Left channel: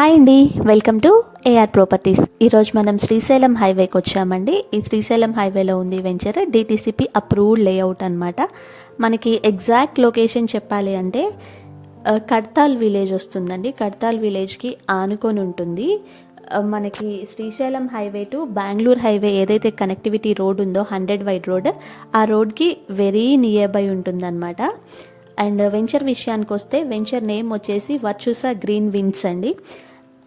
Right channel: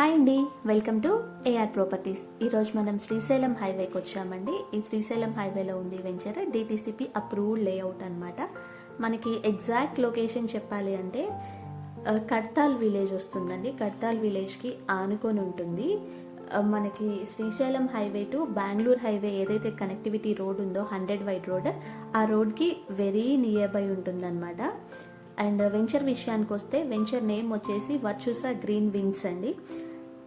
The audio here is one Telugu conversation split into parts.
హాయ్ అండి, వెల్కమ్ టు ఏఆర్ ప్రాపర్టీస్. ఈరోజు మనం శ్రీశైలం హైవేకి వచ్చామండి. ఈ శ్రీశైలం హైవేలో ఉంది వెంచర్ డిటిసిపి అప్రూవ్డ్ లేఅవుట్ అనమాట. మనకి ఎగ్జాక్ట్ లొకేషన్ చెప్పాలి అంటే కడ్తాల్ విలేజ్ వస్తుందండి. కడ్తాల్ విలేజ్కి ఆనుకొని ఉంటుంది. మనకి Srisailam highway to Bengaluru highway ఏదైతే కనెక్టివిటీ రోడ్ ఉందో 100 వైడ్ రోడ్, ఆ రోడ్కి వెరీ నియర్ బై ఉంటుందన్నమాట. అండ్ వెంచర్ విషయానికి వస్తే వెంచర్ నేమ్ వచ్చేసి వర్చుసా గ్రీన్ విన్స్ అండి.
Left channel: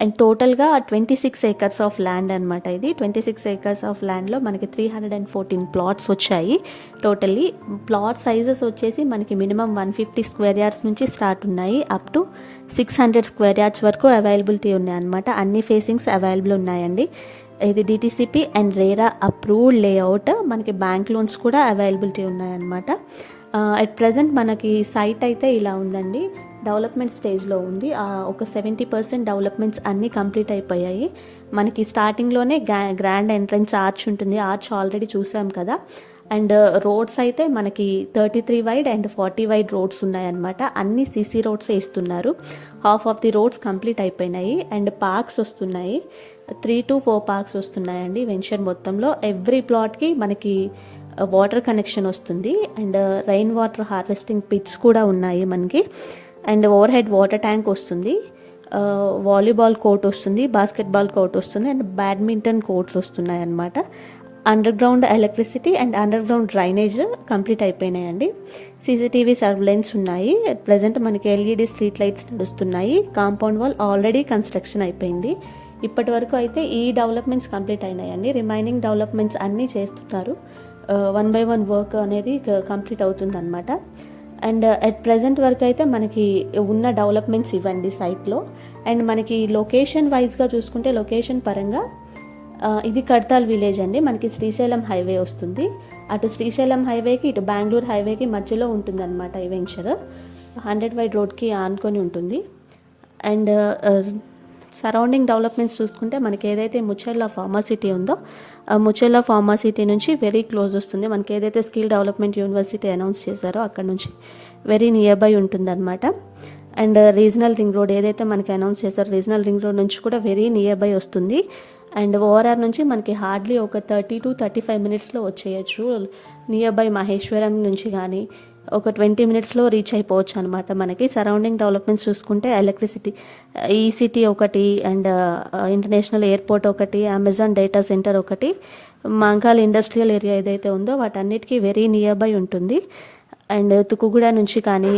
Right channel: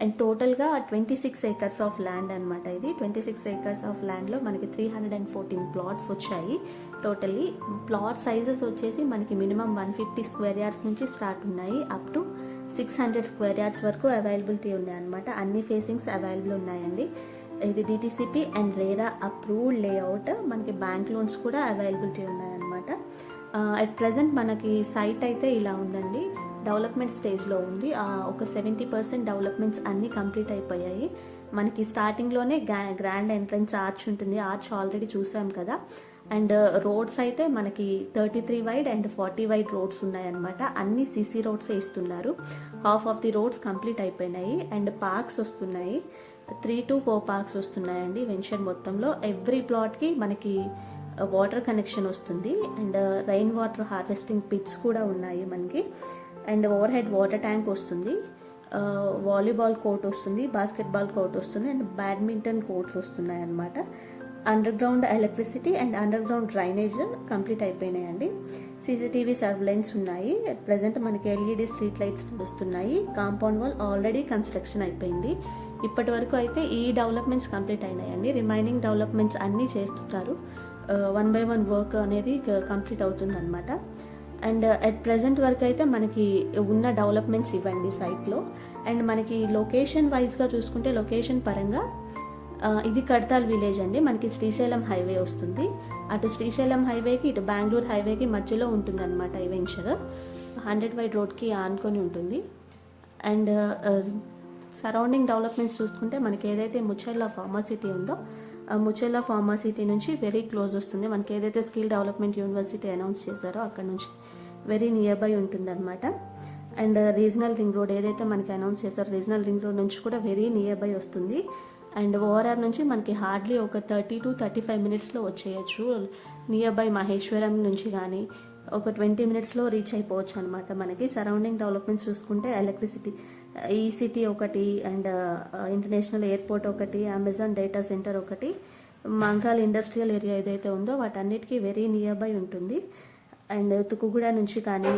అండ్ టోటల్గా 26 ఏకర్స్ ఆఫ్ ల్యాండ్ అనమాట. ఇది 26 ఏకర్స్ ఆఫ్ ల్యాండ్లో మనకి 314 ప్లాట్స్ వచ్చాయి. టోటల్లీ ప్లాట్ సైజెస్ వచ్చేసి మనకి మినిమం 150 స్క్వేర్ యార్డ్స్ నుంచి స్టార్ట్ ఉన్నాయి, అప్ టు 600 స్క్వేర్ యార్డ్స్ వరకు అవైలబిలిటీ ఉన్నాయి అనమాట. అన్ని ఫేసింగ్స్ అవైలబుల్ ఉన్నాయండి. ఇది DTCP and RERA approved layout. మనకి బ్యాంక్ లోన్స్ కూడా అవైలబిలిటీ ఉన్నాయన్నమాట. అట్ ప్రజెంట్ మనకి సైట్ అయితే ఇలా ఉందండి. డెవలప్మెంట్ స్టేజ్లో ఉంది. ఒక 70% డెవలప్మెంట్స్ అన్నీ కంప్లీట్ అయిపోయాయి. మనకి స్టార్టింగ్లోనే గ్రాండ్ ఎంట్రన్స్ ఆర్చ్ ఉంటుంది. ఆర్చ్ ఆల్రెడీ చూసాం కదా. అండ్ రోడ్స్ అయితే మనకి 33 వైడ్ అండ్ 40 వైడ్ రోడ్స్ ఉన్నాయన్నమాట. అన్ని సీసీ రోడ్స్ ఇస్తున్నారు. Half of the roads complete అయిపోయినాయి. అండ్ పార్క్స్ వస్తున్నాయి, 3 to 4 పార్క్స్ వస్తున్నాయండి వెంచర్ మొత్తంలో. ఎవ్రీ ప్లాట్కి మనకి వాటర్ కనెక్షన్ వస్తుంది. And rain water harvesting pits కూడా ఉన్నాయి మనకి. And overhead water tank వస్తుంది, వాలీబాల్ కోర్ట్ వస్తుంది, బాస్కెట్బాల్ కోర్ట్ వస్తుంది, అండ్ బ్యాడ్మింటన్ కోర్ట్స్ వస్తున్నాయి అన్నమాట. Underground electricity and underground drainage complete అయిపోయినాయండి. సీసీటీవీ సర్వేలెన్స్ ఉన్నాయి. అట్ ప్రజెంట్ మనకి ఎల్ఈడి స్ట్రీట్ లైట్స్ నడుస్తున్నాయి. కాంపౌండ్ వాల్ ఆల్రెడీ కన్స్ట్రక్షన్ అయిపోయింది. ఇప్పటి వరకు అయితే ఈ డెవలప్మెంట్స్ కంప్లీట్ అయినాయండి. రిమైనింగ్ డెవలప్మెంట్స్ అన్నీ చేస్తున్నారు. 1 by 1 వర్క్ అనేది కంప్లీట్ అవుతుంది అనమాట. అండ్ అట్ ప్రజెంట్ వరకు అయితే మనకి ఉన్న డెవలప్మెంట్స్ ఇవ్వండి సైట్లో. అండ్ మనకి లొకేషన్ వైజ్గా చూసుకుంటే లొకేషన్ పరంగా ఇది కడ్తాల్ విలేజ్ అండి. మనకి శ్రీశైలం హైవే వస్తుంది. అటు శ్రీశైలం హైవేకి ఇటు బెంగళూరు హైవేకి మధ్యలో ఉంటుందన్నమాట ఈ వెంచర్. 100 వైడ్ రోడ్కి ఆనుకొని ఉంటుంది. అండ్ సరౌండింగ్ డెవలప్మెంట్స్ చూసుకుంటే మనకి ఏదైతే ముచెర్ల ఫార్మాసిటీ ఉందో ముచెర్ల ఫార్మాసిటీ నుంచి వెరీ క్లోజ్ వస్తుంది. మనకి ఏదైతే స్కిల్ డెవలప్మెంట్ యూనివర్సిటీ అనౌన్స్ చేశారో అక్కడ నుంచి వెరీ నియర్ బై ఉంటుందన్నమాట. అండ్ రీజనల్ రింగ్ రోడ్ ఏదైతే మనకి అనౌన్స్ చేశారో రీజనల్ రింగ్ రోడ్ నుంచి కూడా వెరీ నియర్ బై వస్తుంది. అండ్ ఓఆర్ఆర్ నుంచి మనకి హార్డ్లీ ఒక 30 to 35 మినిట్స్లో వచ్చేయచ్చు. నియర్ బై మహేశ్వరం నుంచి కానీ ఒక 20 మినిట్స్లో రీచ్ అయిపోవచ్చు అనమాట. మనకి సరౌండింగ్ డెవలప్మెంట్స్ చూసుకుంటే ఎలక్ట్రిసిటీ, ఈసిటీ ఒకటి, అండ్ ఇంటర్నేషనల్ ఎయిర్పోర్ట్ ఒకటి, అమెజాన్ డేటా సెంటర్ ఒకటి, మంకాల్ ఇండస్ట్రియల్ ఏరియా ఏదైతే ఉందో వాటన్నిటికీ వెరీ నియర్ బై ఉంటుంది. అండ్ తుకుగూడ నుంచి కానీ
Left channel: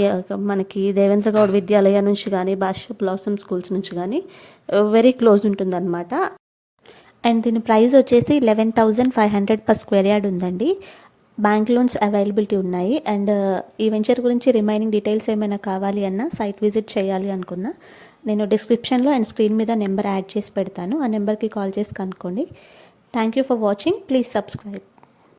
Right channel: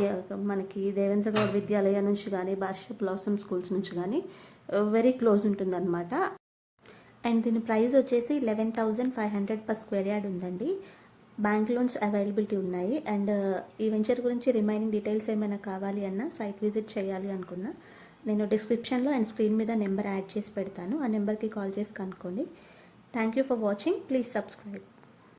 మనకి దేవేంద్ర గౌడ్ విద్యాలయ నుంచి కానీ భాష బ్లాసమ్ స్కూల్స్ నుంచి కానీ వెరీ క్లోజ్ ఉంటుందన్నమాట. అండ్ దీని ప్రైస్ వచ్చేసి 11,500 per స్క్వేర్ యార్డ్ ఉందండి. బ్యాంక్ లోన్స్ అవైలబిలిటీ ఉన్నాయి. అండ్ ఈ వెంచర్ గురించి రిమైనింగ్ డీటెయిల్స్ ఏమైనా కావాలి అన్నా సైట్ విజిట్ చేయాలి అనుకున్నా నేను డిస్క్రిప్షన్లో అండ్ స్క్రీన్ మీద నెంబర్ యాడ్ చేసి పెడతాను. ఆ నెంబర్కి కాల్ చేసి కనుక్కోండి. Thank you for watching. Please subscribe.